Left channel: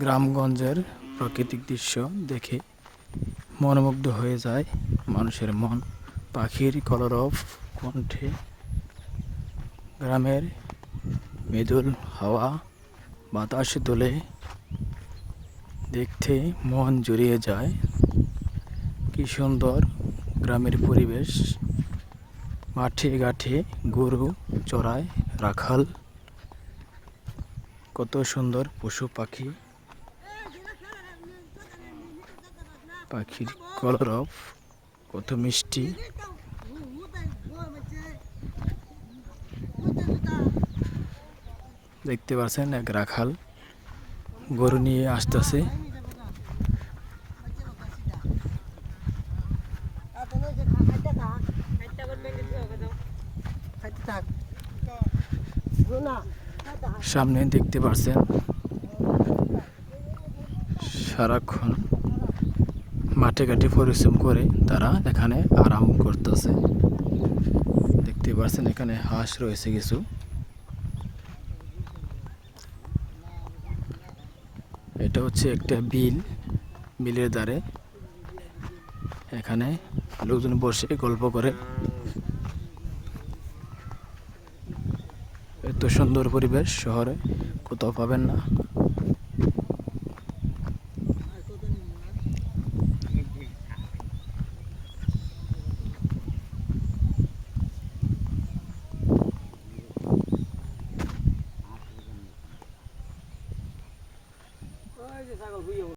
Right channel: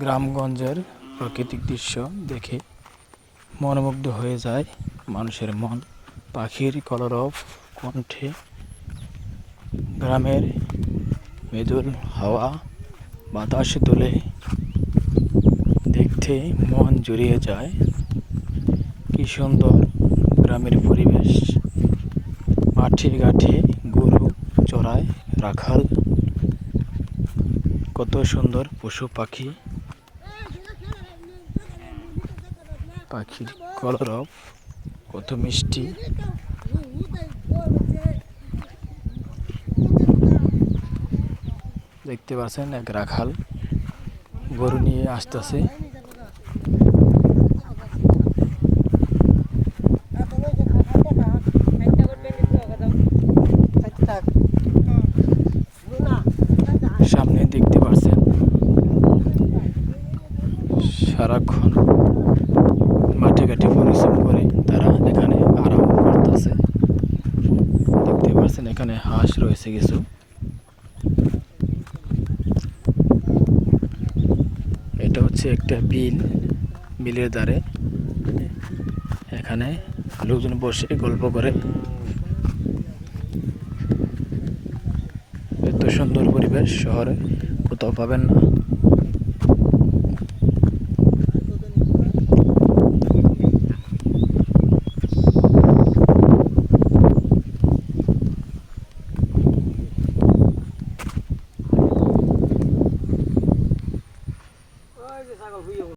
গ্রামগঞ্জের প্রাকৃতিক দৃশ্য দেখে মনোমুগ্ধ হয়ে যায় মানুষের মন। পাখির কলরব কণ্ঠে গ্রামের মৃদুল হাওয়া বাতাস দোলে দেখতে মন জুড়িয়ে যায়। কি সুন্দর গ্রামের পরিবেশ। মাঠে ঘাটে গরু চড়ায় রাখাল। কত সুন্দর পশু পাখি। পাখির কলরব, কত মিষ্টি। দেখতে পাচ্ছেন এক রাখাল গরু নিয়ে আসতেছে। সামনে দেখতে পাচ্ছেন সারাক্ষণ মাঠে ঘাটে পরিশ্রম করে তারা এখানে আরাম করতেছে। দেখতে পাচ্ছেন এখানে হাঁস রয়েছে কিছু। এটা হচ্ছে একটা বিল, বিলের ধারে এখানে লোকজন বসে গল্প করে। এত সুন্দর পরিবেশ শহরে কোথাও পাবেন না। ছাগল হইও